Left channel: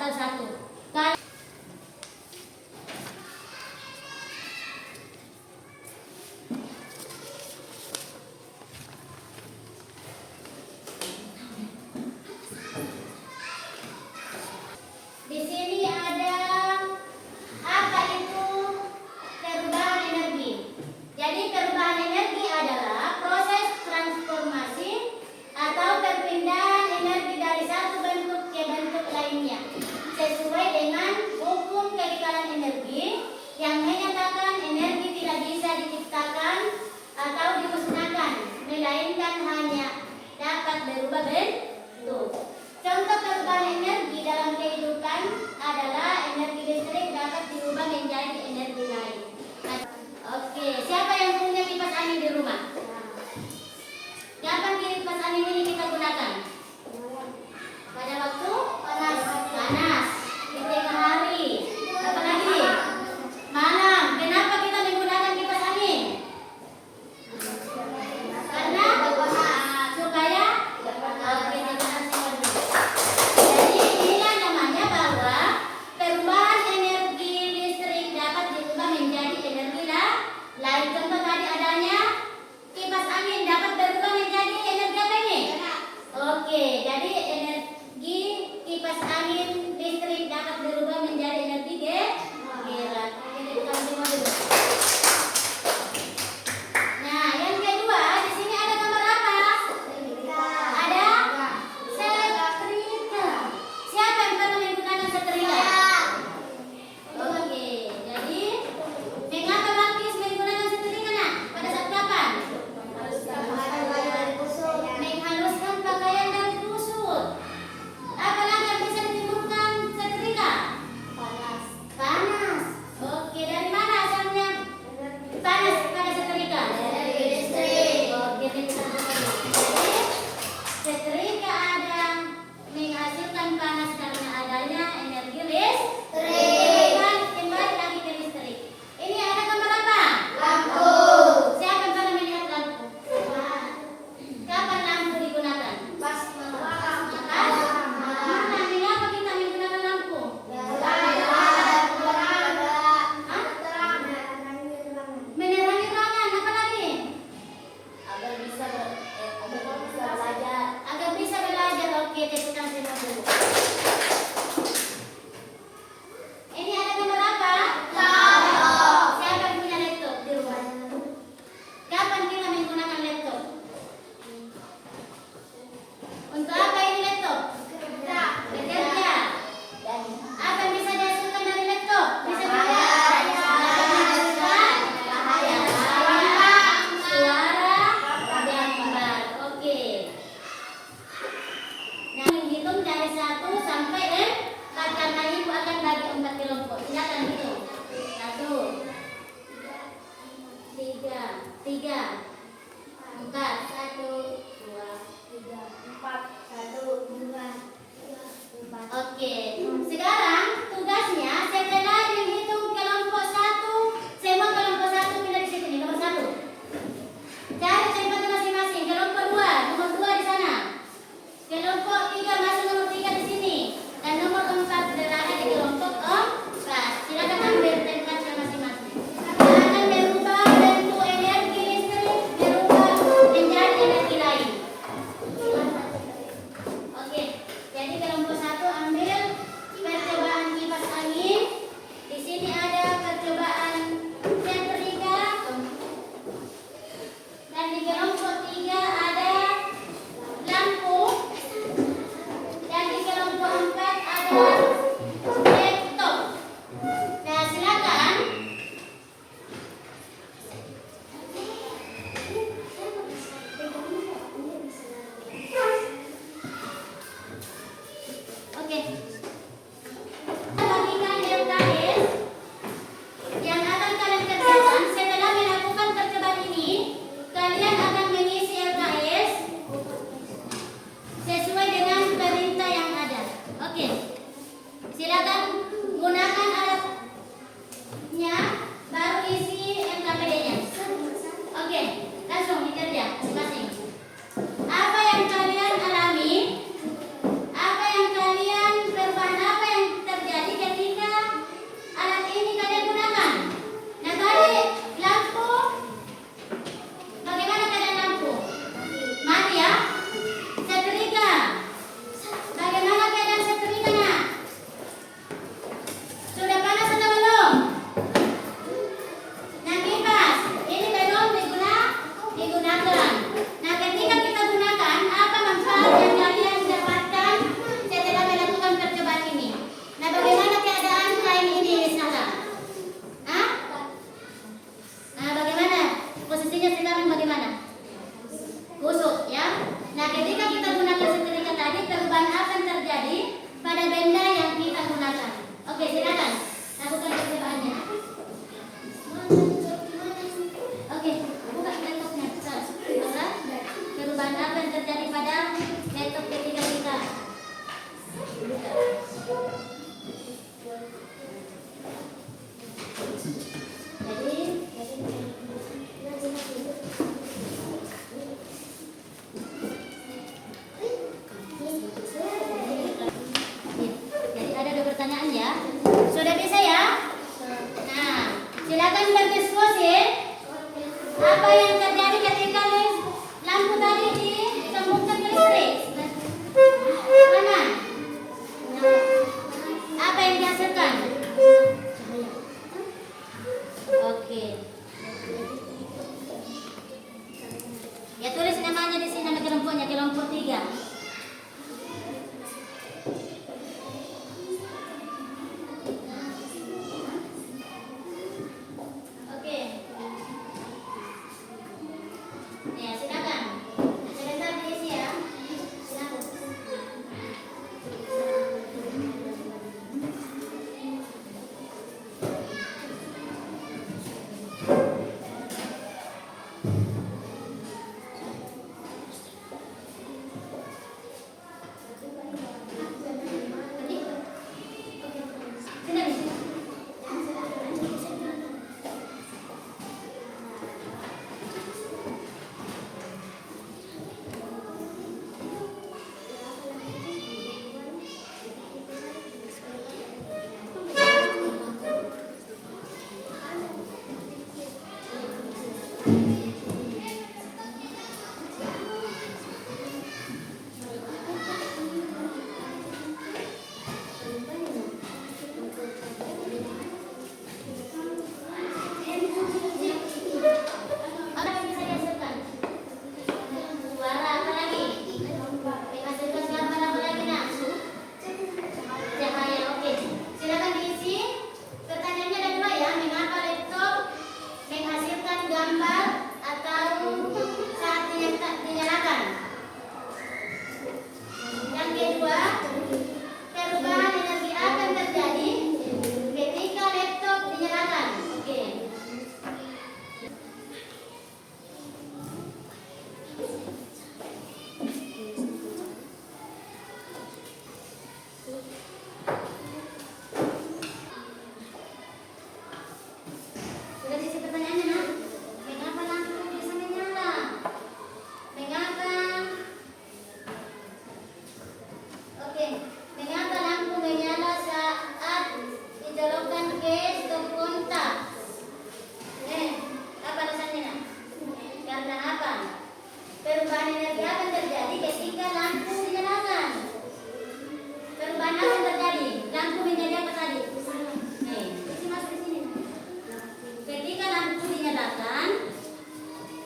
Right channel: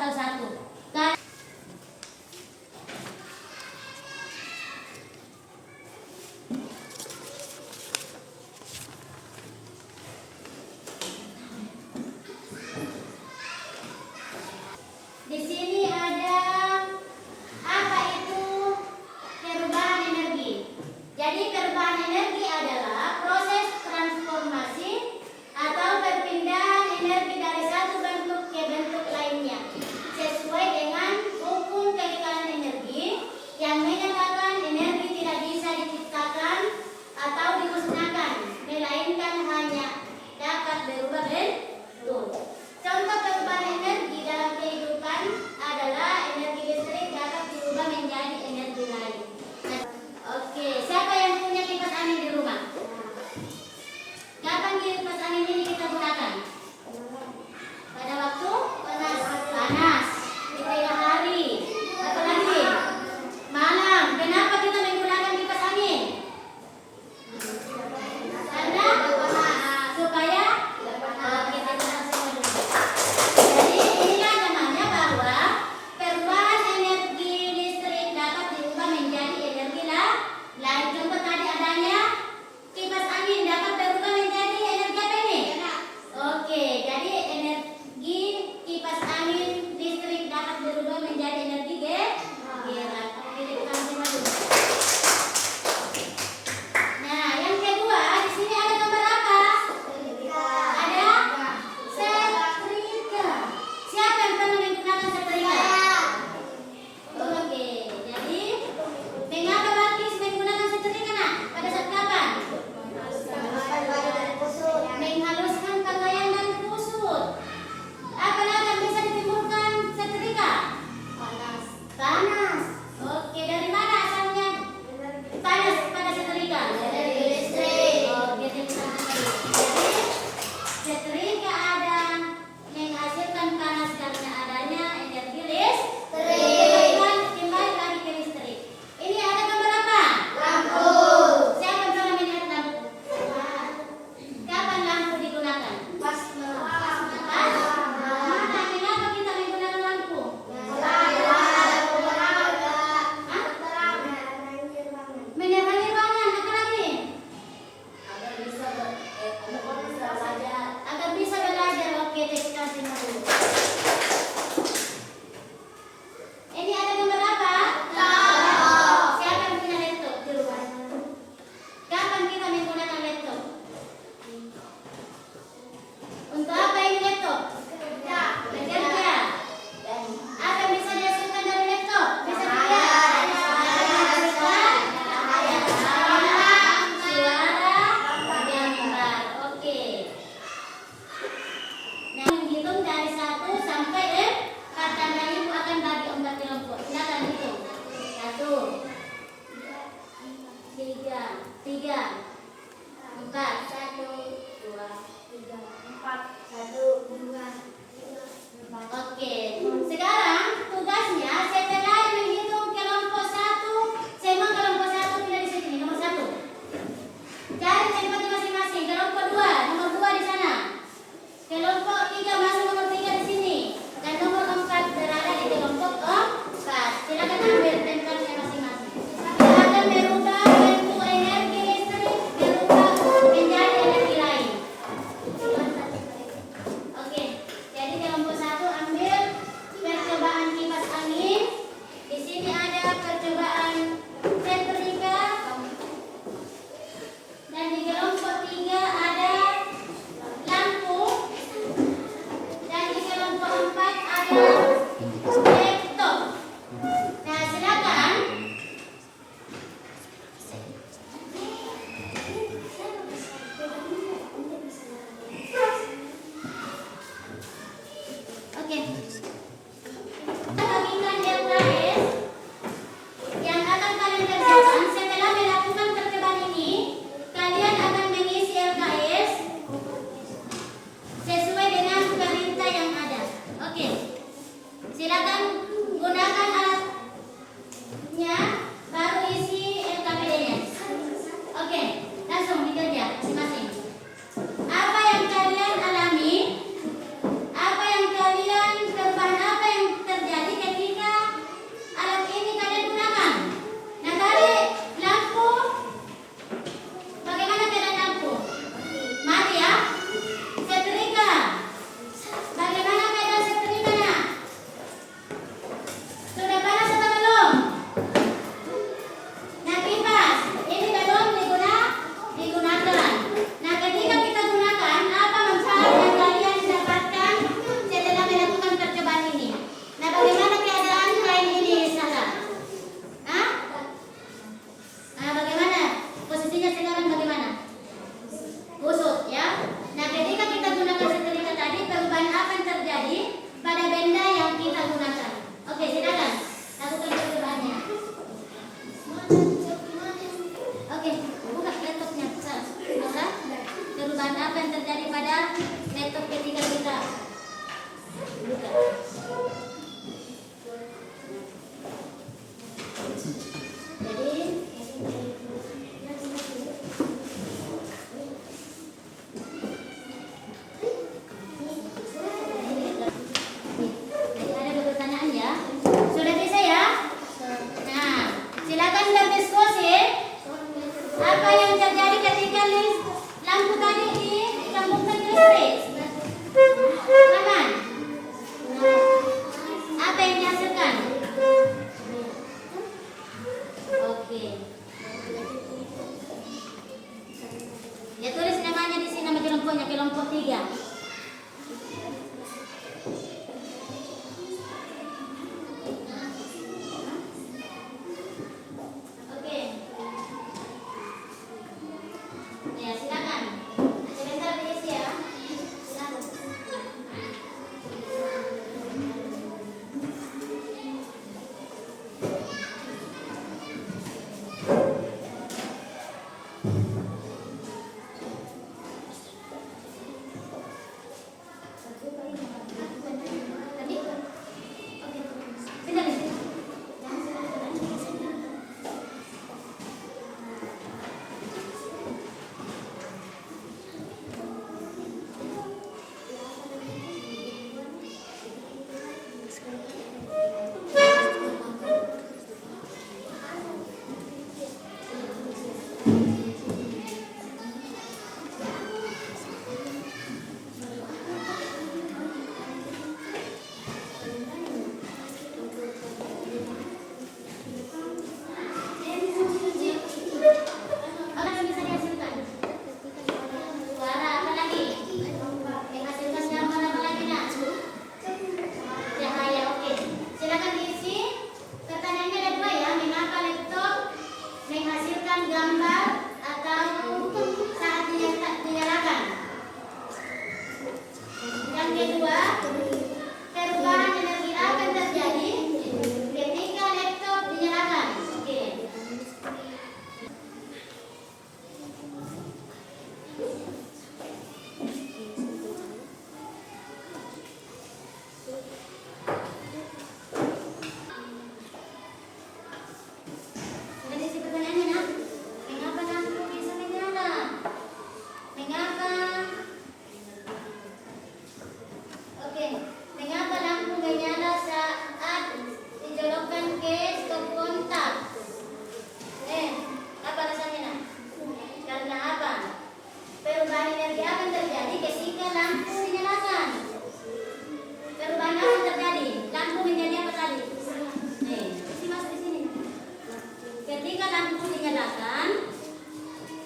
atau satu. Di sini ada apa itu perubahan energi. Jadi perubahan energi adalah proses transformasi atau perpindahan energi dari satu bentuk ke bentuk lainnya sesuai dengan hukum kekekalan energi yang menyatakan energi tidak bisa diciptakan atau dimusnahkan, melainkan hanya dapat berubah bentuk. Contoh perubahan energi dalam kehidupan adalah energi listrik dapat diubah menjadi energi lain. Oke, siapa yang punya kipas angin di rumah? Kapan kipas angin ini kita gunakan? Pada waktu panas, di tengah hari, apalagi malam. Kenapa kita menggunakan kipas angin? Karena supaya jadi inilah namanya bahwa perubahan energi listrik dapat diubah menjadi energi lain. Contoh tadi adanya kipas angin dapat berubah menjadi energi apa ini? Oke, jadi energi kipas angin listrik dapat berubah menjadi energi gerak. Oke, kita coba dulu. Nah, yang kedua, di sini ada gambar apa? Ada setrika. Siapa yang pernah menggunakan setrika? Oke, jadi mengapa Balkis menggunakan setrika nak? Pada saat kapan? Menghaluskan pakaian dari kusut. Apa lagi yang bisa ditimbulkan setrika? Panas. Oke, dari mana asalnya panas pada setrika? Dari listrik. Oke, kita coba dulu. Jadi setrika ada menghasilkan panas karena adanya energi listrik. Kembali lagi ke listrik. Ini ada gambar apa? Lampu. Siapa yang pernah melihat lampu? Kapan lampu digunakan? Pas malam. Mengapa kita menggunakan lampu? Menerangi ruangan. Apa lagi? Agar bisa belajar. Oke, kita tengok dulu. Ini ada gambar apa? Laptop. Siapa yang punya laptop di rumah? Kapan kita menggunakan laptop? Untuk apa ini laptop? Bekerja. Apa yang bisa dihasilkan dari laptop? Bisa dilihat. Suara, gambar. Oke. Nah, menghitung dari 1 sampai 4 karena ibu akan bagi 4 kelompok. Silakan hitung. 1, 3, 4. 1, 2, 3, 4. 1, 2, 3, 4. Oke. Sekarang tugasnya setelah menghitung kelompok 1, semua kelompok 1 pindah di sini, nomor 1. Cari tempatnya masing-masing. Kelompok 2, nomor 2 di sana. Kelompok 3 masuk nomor 3 di sini. Dan nomor 4 berada di kelompok 4. Silakan ambil tempatnya masing-masing. Akan merubah bentuk energi listrik, berubah menjadi energi lain. Oke, jadi kelompok 1 ambil percobaan kipas angin. Di sini ada percobaan setrika. Dan di kelompok 3 ada lampu. Dan di kelompok 4 ada laptop. Nah, silakan. Oke. Bagikan LKS yang akan kalian kerjakan setelah melakukan percobaan ini. Kalian akan mengisi LKS sesuai dengan perintah yang ada. Oke. Silakan gunakan alatnya, baru isi LKPD-nya. Oke, langsung dikerja masing-masing. Apa yang kalian alami? Apa yang kalian perubahan apa yang ketika lampu tadi disambungkan ke listrik, aman. Apa yang dihasilkan? Oke. Ya tulis namanya di sini, nama kelompoknya kelompok 3. Ya, silakan. Sebentar diisi ya. Silakan.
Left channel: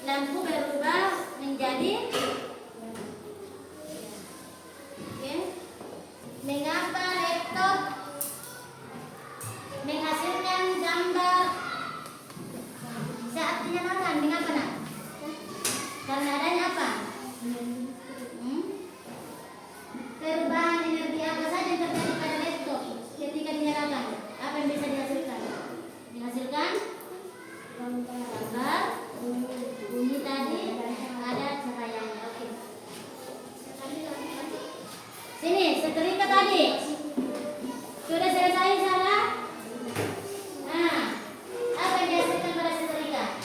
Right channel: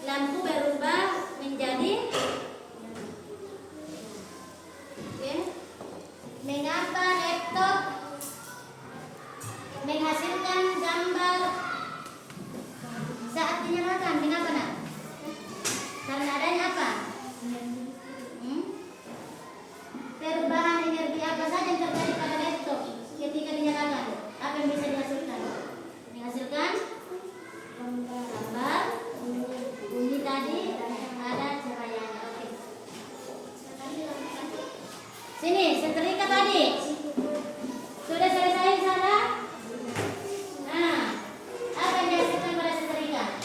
Lampu berubah menjadi mengapa laptop menghasilkan gambar saat dinyalakan? Mengapa nak? Karena adanya apa? Perubahan energi apa saja yang terjadi pada laptop ketika dinyalakan? Apa yang bisa dihasilkan? Menghasilkan gambar, bunyi tadi, ada cahayanya. Oke. Sini, setrika tadi. Sudah selesai salah? Nah, apa yang dihasilkan pada setrika?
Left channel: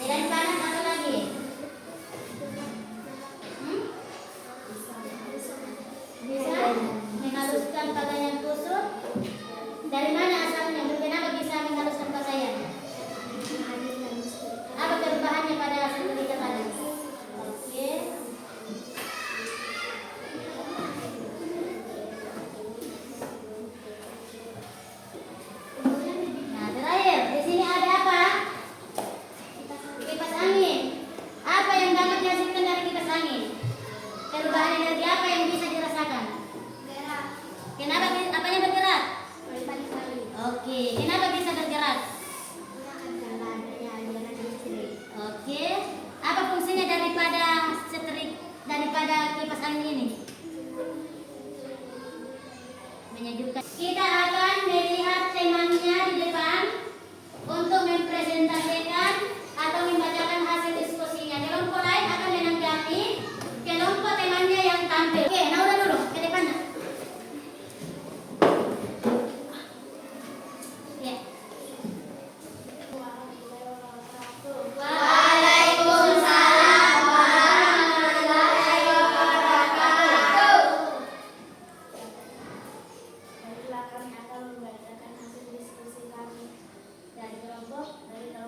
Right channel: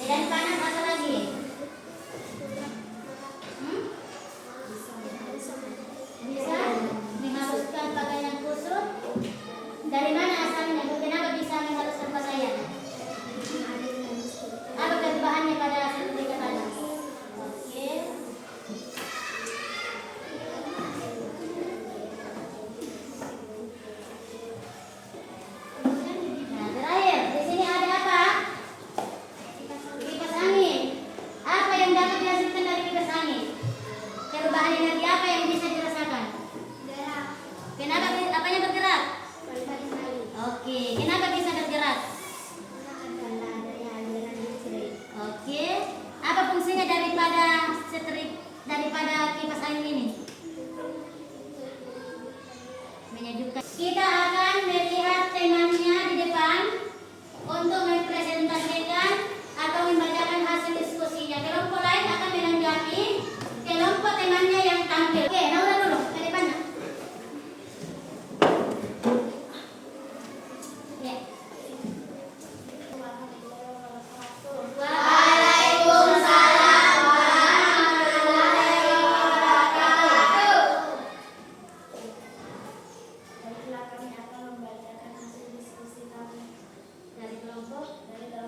Medan panas atau lagi? Bisa menghaluskan pakaian kusut. Dari mana asalnya? Kenapa bisa menghaluskan pakaian? Apa perubahannya pada setrika tadi? Oke. Nah, terakhir di sini ada apa? Kipas angin. Apa yang dapat dihasilkan dari kipas angin? Perubahan energi apa yang bisa dirasakan? Kenapa apanya bergerak? Oke, kenapa bisa bergerak? Oke, apa fungsinya daripada kipas angin ini? Menyejukkan. Kita akan melihat temannya di depan untuk mempresentasikan atau membacakan hasil diskusinya. Kelompok lain akan menanggapi kelompok temannya yang tampil. Oke, nah udah dulu ke depan. Ya. Waalaikumsalam warahmatullahi wabarakatuh. Baiklah, kami akan membacakan hasil diskusi kami dari kelompok 4.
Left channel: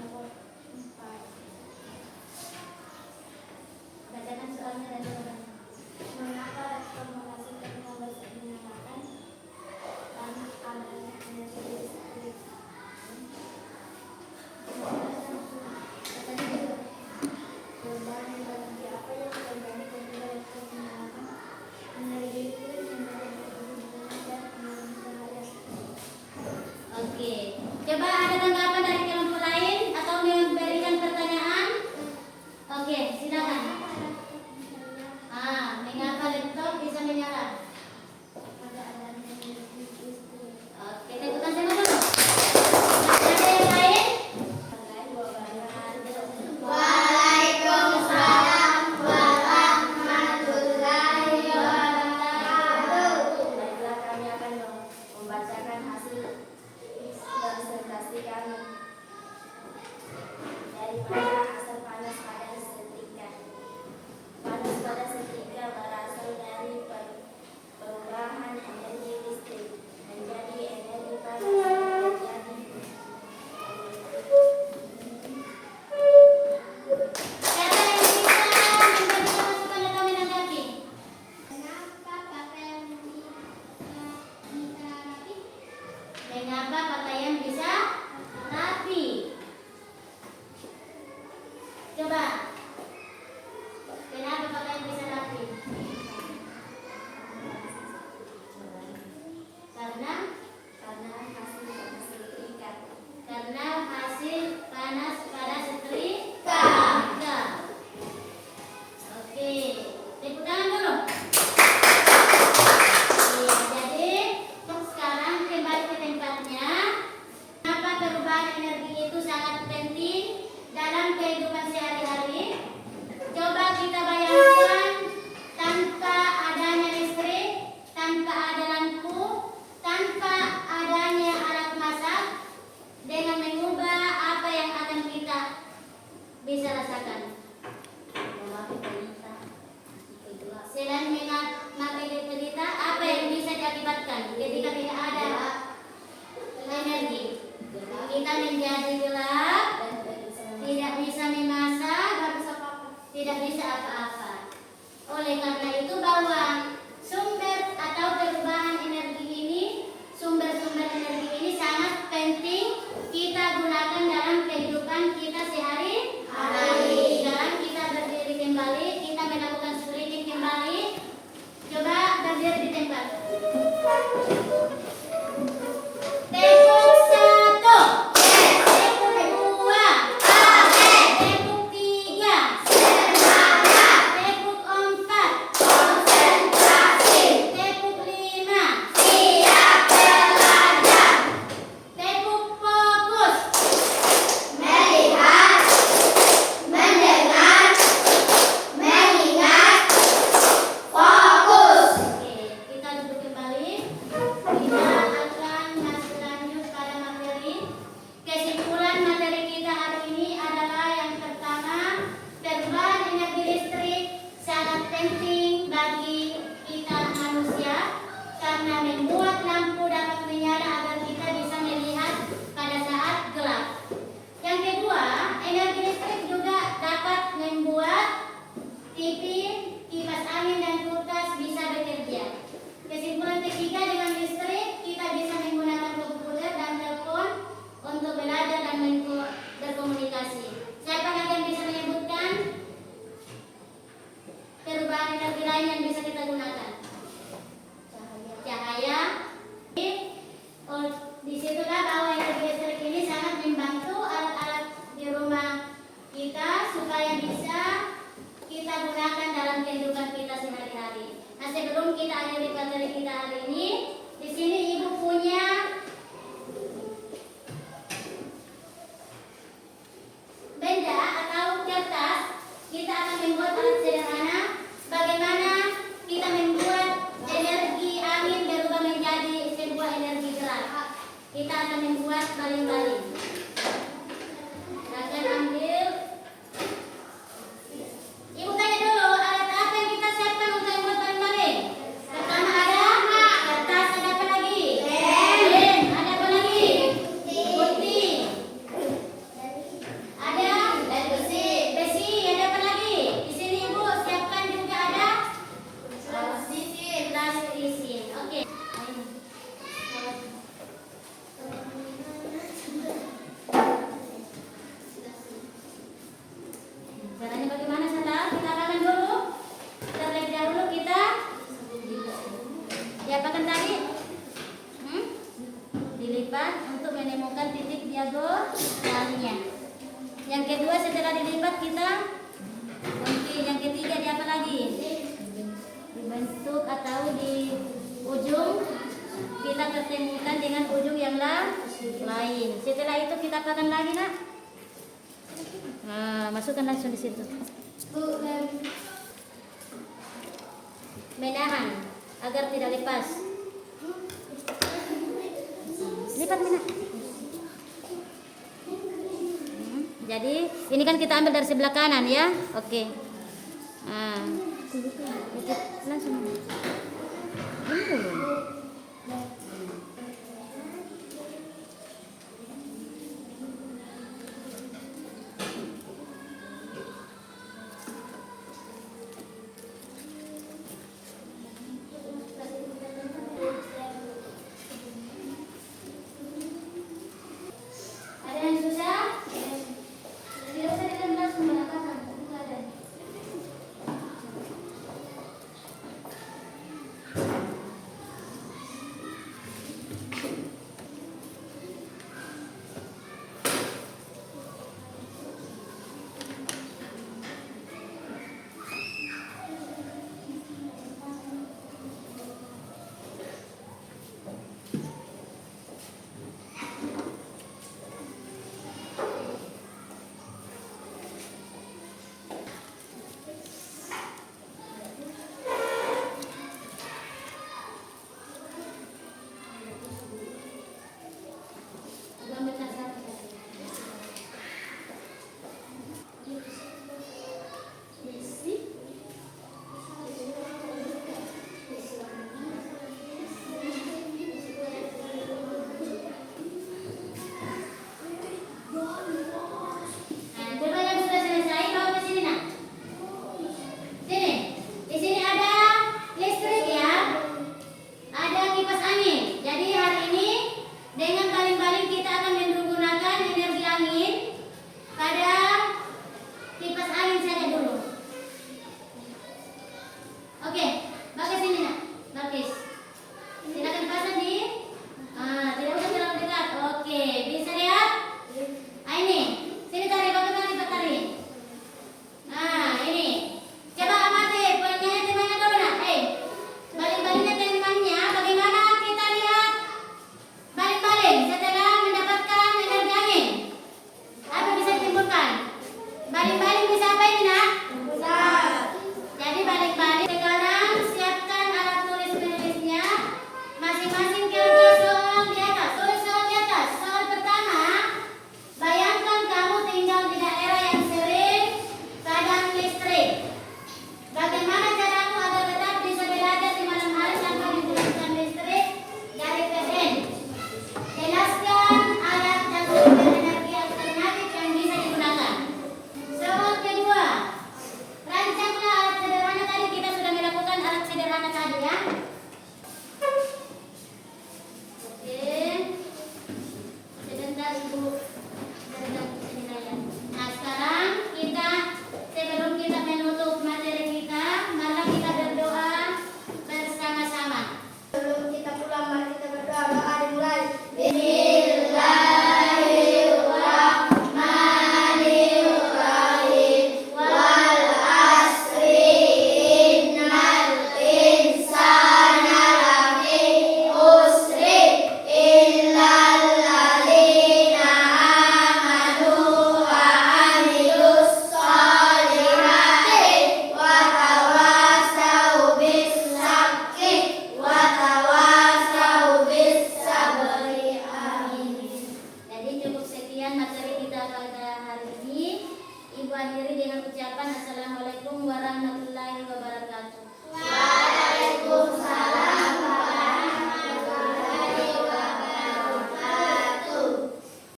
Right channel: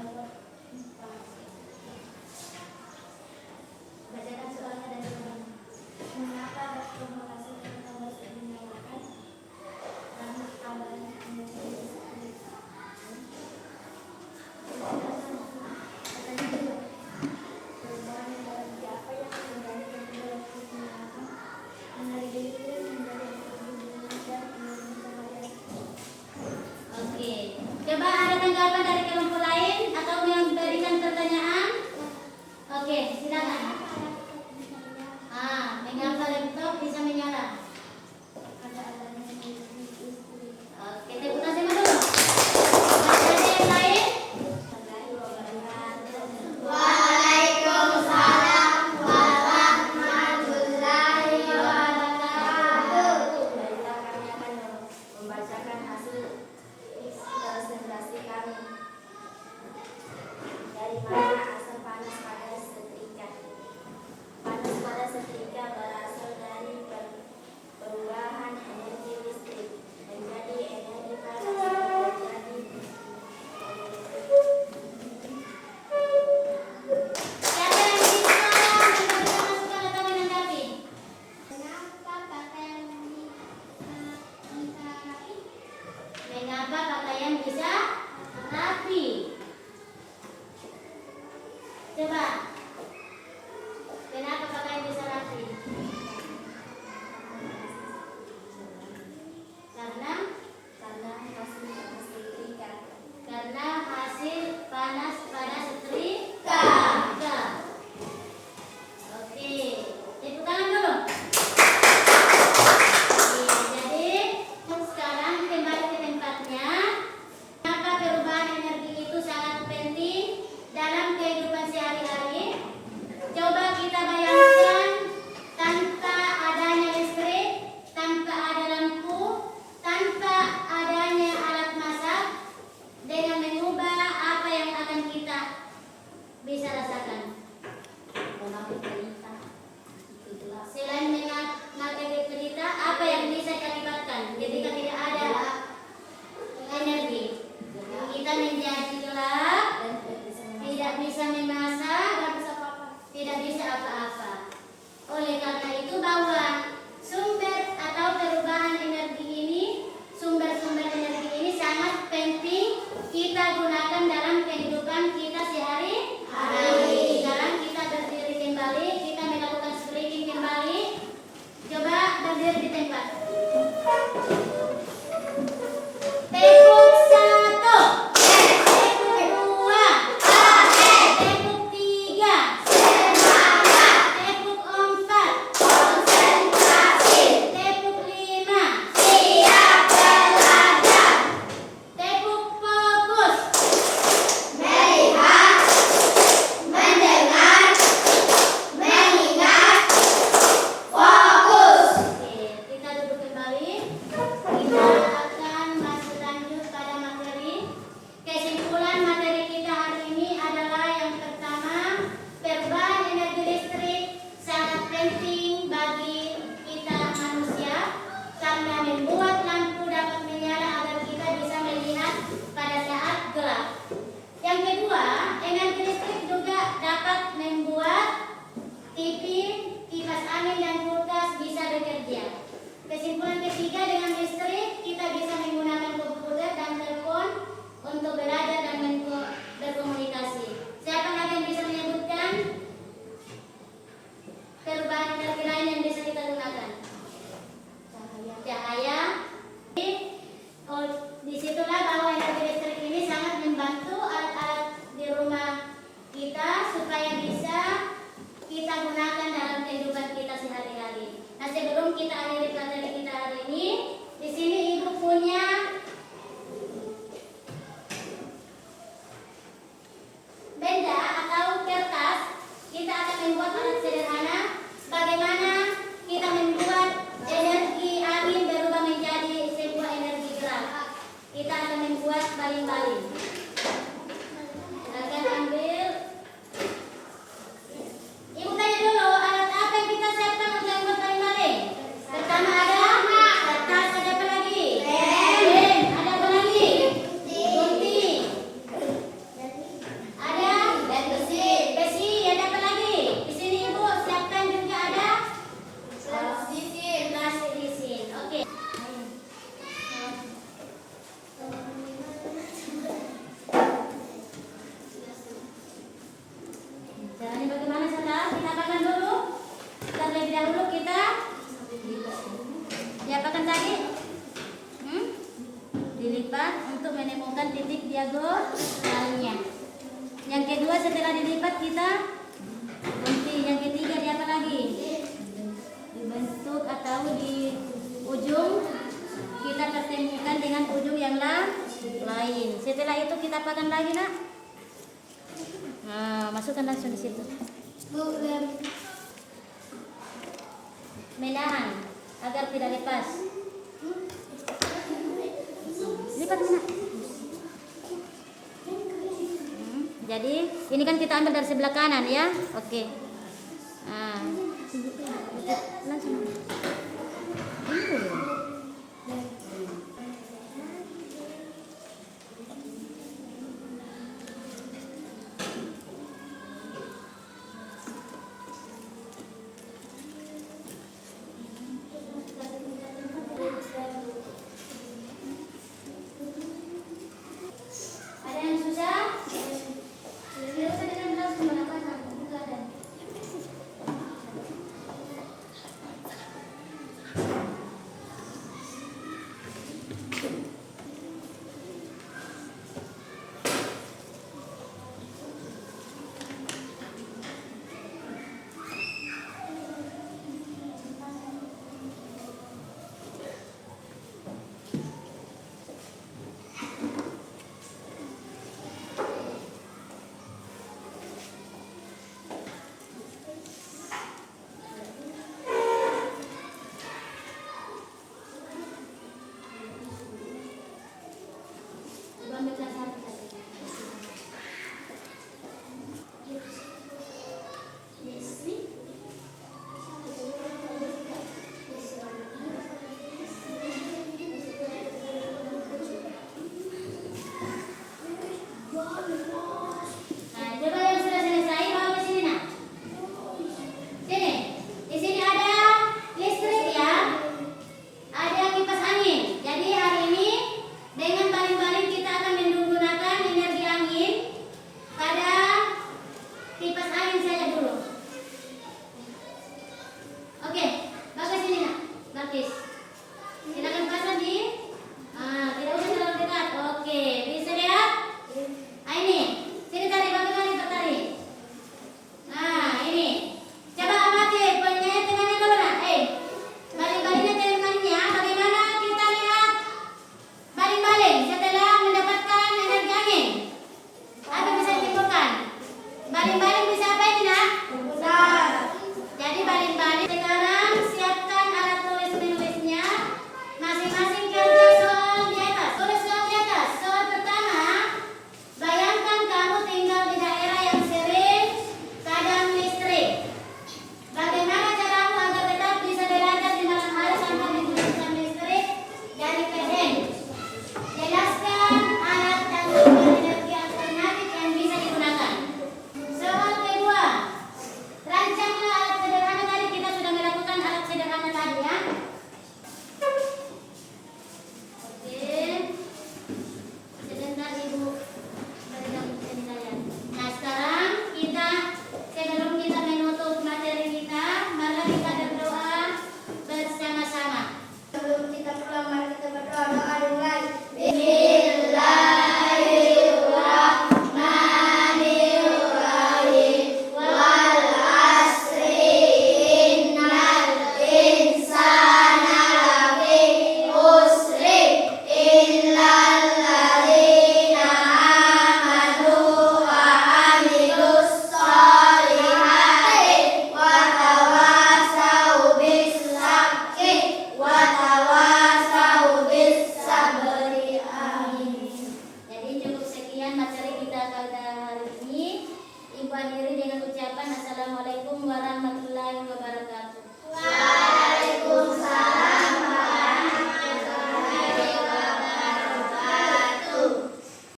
menyala agar kita bisa melihat pada saat gelap. Yang kedua, energi listrik juga dapat membuat TV, kipas angin dan kulkas bisa bekerja. Kesimpulan ketiga, dengan listrik kita bisa menggunakan komputer dan telepon untuk belajar dan berkomunikasi. Siapa lagi yang bisa menyebutkan perubahan energi lain yang bisa kita gunakan? Cahaya. Oh, disitulah bahwa energi listrik ini sangat membantu alat-alat di rumah kita supaya bisa kita gunakan dalam kehidupan kita sehari-hari. Nah, sebelum kita akhiri materi kita hari ini, di sini Ibu punya benda atau kertas. Kita akan membuat alat sederhana bagaimana kita membuat energi angin berubah menjadi sebuah energi gerak. Kita akan membuat baling-baling. Silakan ambil. Ibu tanya dulu, alat apa yang kita siapkan untuk membuat baling-baling? Pertama ada kertas, ada apa lagi? Lem. Ada apa lagi? Gunting. Ada besi. Besi, ada apa lagi? Di sini Ibu siapkan juga ada plastik. Oke. Caranya bagaimana, saudara? Kita apakan dulu. Terlebih dahulu kita diapakan tadi? Dilipat untuk menemukan titik diagonalnya. Yang kedua, setelah dilipat kita gunting. Yang ketiga, di apa lagi? Dibentuk atau di ujung kita pertemukan dengan ujung yang lain. Setelah itu kita apakan lagi, Nak? Nah, masukkan langsung di situ. Menahan agar tidak lepas. Lipat, Nak. Jadi ini kan kita ambil dari sebelah kanan ya. Oke. Nah, langsung. Ada yang susah? akhiri dengan ucapan Assalamualaikum warahmatullahi wabarakatuh.